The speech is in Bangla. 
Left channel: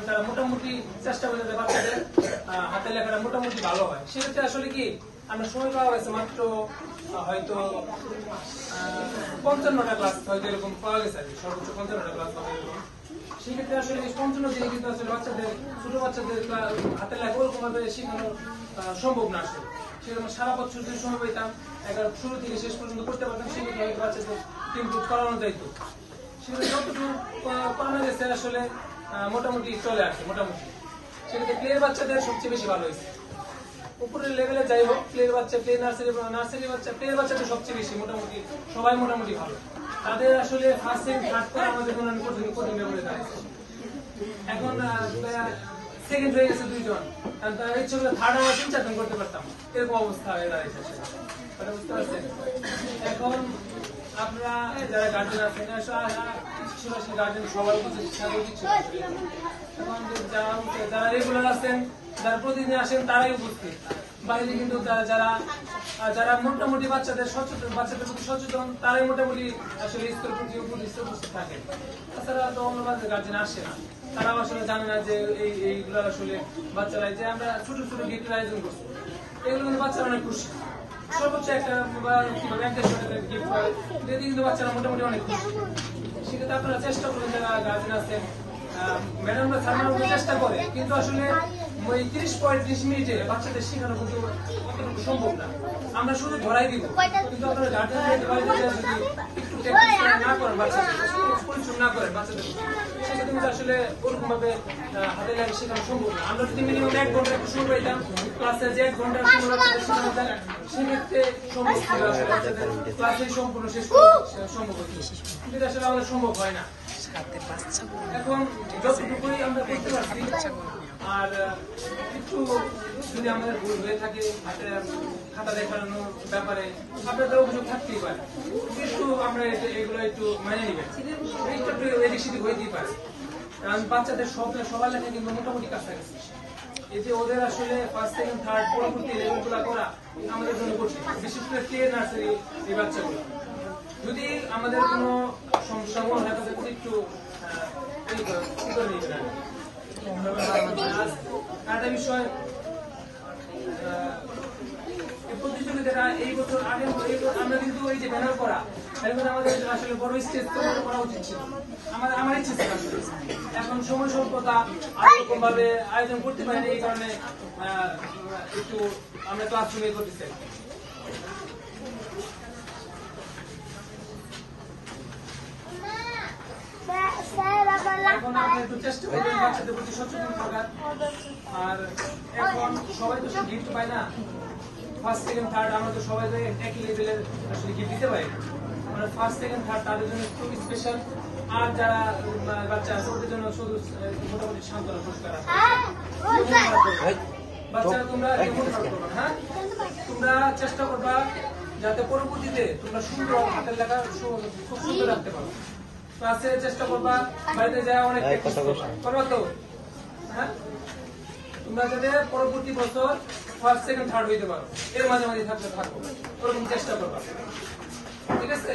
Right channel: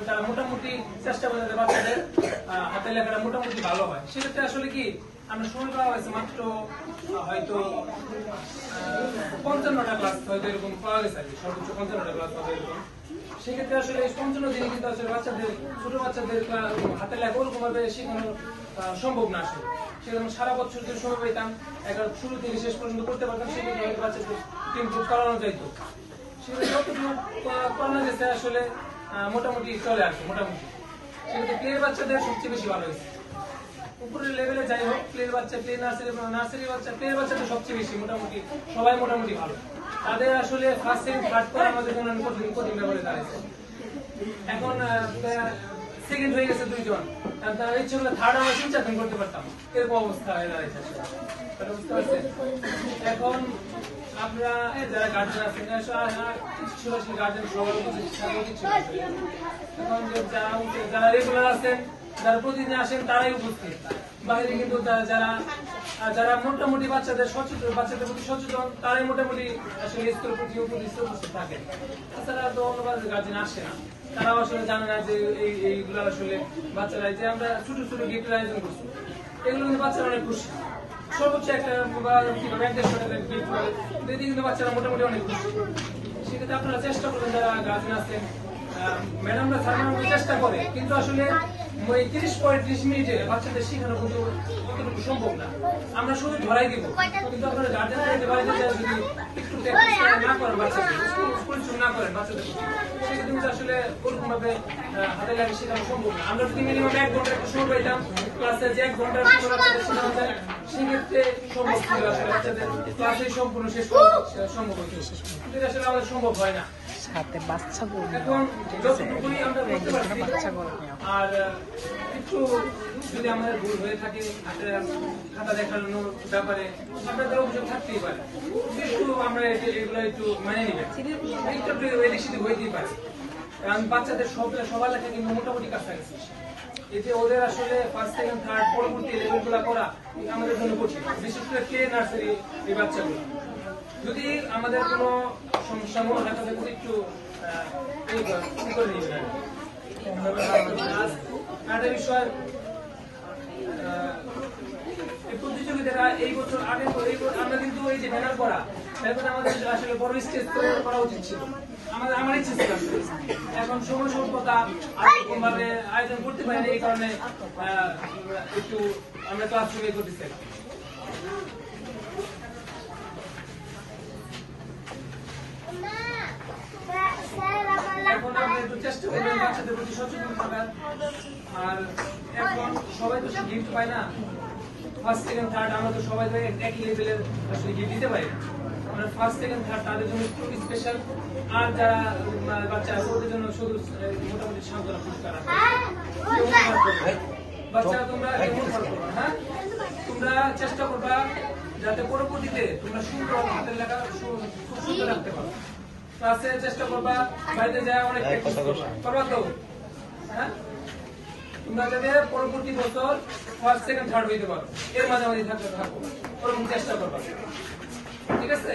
এবং তারা মোটামুটি চেষ্টা করে যাতে বাচ্চাদের হাতের লেখাটা মোটামুটি ভালো হয়। সেক্ষেত্রে আসলে কি আমরা সময় পাওয়া গেছে মাত্র হয়তো 55টা ক্লাস হয়তো এরকম পাওয়া গেছে আর কি, সর্বোচ্চ 55টা ক্লাস হবে এরকম। সেক্ষেত্রে আসলে এই 55 দিনে কিন্তু আসলে বাচ্চাদের ছোট বাচ্চাদের হাতের লেখা ওরকম ভাবে শেখানো সম্ভব না আসলে। সেরকম সারা বছর যদি সময় পেতাম শুরু থেকে শেষ পর্যন্ত করতে পারতাম, সেক্ষেত্রে হয়তো বাচ্চাদের ইমপ্রুভ করানো যাইতো। সেক্ষেত্রে যতটুকু করানো গেছে আসলে মোটামুটি চলে আসে মোটামুটি। সেক্ষেত্রে প্লের বাচ্চাদের সবচেয়ে বেশি ভালো হয়েছে। উপরের লেভেলে যাই হোক, প্লের বাচ্চা, প্লে নার্সারি বাচ্চা, প্লের বাচ্চাটা সবচেয়ে বেশি মোটামুটি সবাই মোটামুটি ভালো। তাদের আসলে ফার্স্ট সেকেন্ড থার্ড করা আমাদের জন্য কঠিন বলে দাঁড়াচ্ছে। এখন সেকেন্ড হয়ে গেছে 2 জন, তার ইচ্ছে করে থার্ড আমরা 3-4 জন করতে পারতাম, এরকম অবস্থা হয়ে দাঁড়াচ্ছে। বুঝতে পারছেন? এখন আমরা যারা গার্জেন আছেন ছিল গার্জেন সবাই কিছু এখন যারা রেগুলার আছেন, যারা প্রতিদিন আসেন তারাই উপস্থিত। বাইরে কিন্তু যারা মোটামুটি বাচ্চাদের প্রতি সচেতন তারাই মোটামুটি আসলে স্কুল প্রতি উপস্থিত থাকে। তাছাড়া তো অন্য গার্জেন আসে না, তারাও আসলে জানে না যে এইগুলো আসলে বাচ্চারা যে আমরা ছোট ছোট গিফটের আয়োজন করছি, এগুলো কিন্তু বাচ্চারা অনেক খুশি। সর্বোচ্চ একটা 1-1.5 টাকার গিফট হয়, যদি কিন্তু বাচ্চারা মোটামুটি অনেক খুশি। সেক্ষেত্রে আপনারা চেষ্টা করবেন যারা গার্জেন আছেন, ম্যাডামরা ছাড়ানোর চেষ্টা করে, কিন্তু আসলে ওই 30-35 মিনিটে বাচ্চাদের শেখানো কিন্তু অতটুকু সম্ভব না। আমরা শুধু ধরাই দিব, কিন্তু আপনারা গার্জেনদের বাড়িতে যদি একটু না করেন, বাচ্চাদের পরিশ্রম না করেন বাচ্চাদের, সেক্ষেত্রে কিন্তু আসলে ওরকম ভাবে হাতে লেখা শেখানো সম্ভব না। আমরা যদি মিনিমাম 1 ঘন্টা একটু সময় পাইতাম ক্লাসের, যে 1 ঘন্টার সময় বাচ্চাদের শেখানো যায়, সেক্ষেত্রে সম্ভব ছিল আসলে বাচ্চাদের ক্লাসেই সম্পূর্ণ শেষ করা সম্ভব হচ্ছে, কিন্তু আসলে আমাদের সম্ভব হয় না। এখন যতটুকুই আমরা করতে পারছি, আর একটু যদি আমাদের ভুল হয়ে থাকে খাতা দেখানোর ব্যাপারে আপনাদের অভিযোগ থাকতেই পারে, কিন্তু আমরা এগুলো একটু মানে নিবেন, একটু এদিক সেদিক হইতেই পারে। কারণ বাচ্চাদের সবার লেখা কিন্তু মোটামুটি কাছাকাছি। এই যে ওদের আসলে ফার্স্ট সেকেন্ড থার্ড পরবর্তী লেভেলগুলো করা আমাদের জন্য কঠিন, বিশেষ করে প্লে নার্সারি এই বাচ্চাগুলো। যদি আমাদের কোনো সমস্যা মনে হয় তাদের একটু কি করে নেবেন। আরেকটা বিষয়, এই প্রতিযোগিতাটা এই বছর আগে আমরা কিন্তু এই যে ব্যানার করা, আমাদের আসলে বড় স্কেচ করা উচিত ছিল, আমার ইচ্ছে ছিল। এখন সময় স্বল্পতা এরকম ভাবে আয়োজন করতে পারিনি, এই কারণে একটু আমরা ক্লাসরুমে করতে চাই। এখন আপনি একটু চেষ্টা করবেন বাচ্চাদের প্রতি সচেতন থাকার। আর এখন সবাই তো সে গিফট পায় না, ফার্স্ট সেকেন্ড থার্ড আমরা তো সবাই একই লেভেলের আসলে গিফট দিতে পারি না। আমরা ফার্স্ট সেকেন্ড থার্ড তাদের জন্য একটু স্পেশাল, আর যারা বাচ্চা আছে ওদের জন্য শুধু মোটামুটি সান্ত্বনা পুরস্কার আছে। বাচ্চারা তোমরা যেমন করবা, হ্যাঁ তোমরা চেষ্টা করবা যাতে পরবর্তীতে তোমরা সুন্দর হাতের লেখা খুব সুন্দর রাখতে পারো। তো আজকে চেষ্টা করবা বাড়িতে যাওয়া অনেক প্র্যাকটিস করবা তো, হ্যাঁ তোমরা যাতে পরবর্তী বছর ফার্স্ট সেকেন্ড থার্ড হইতে পারো, এর মাঝামাঝি থাকো, ওরকম চেষ্টা করবা, ঠিক আছে?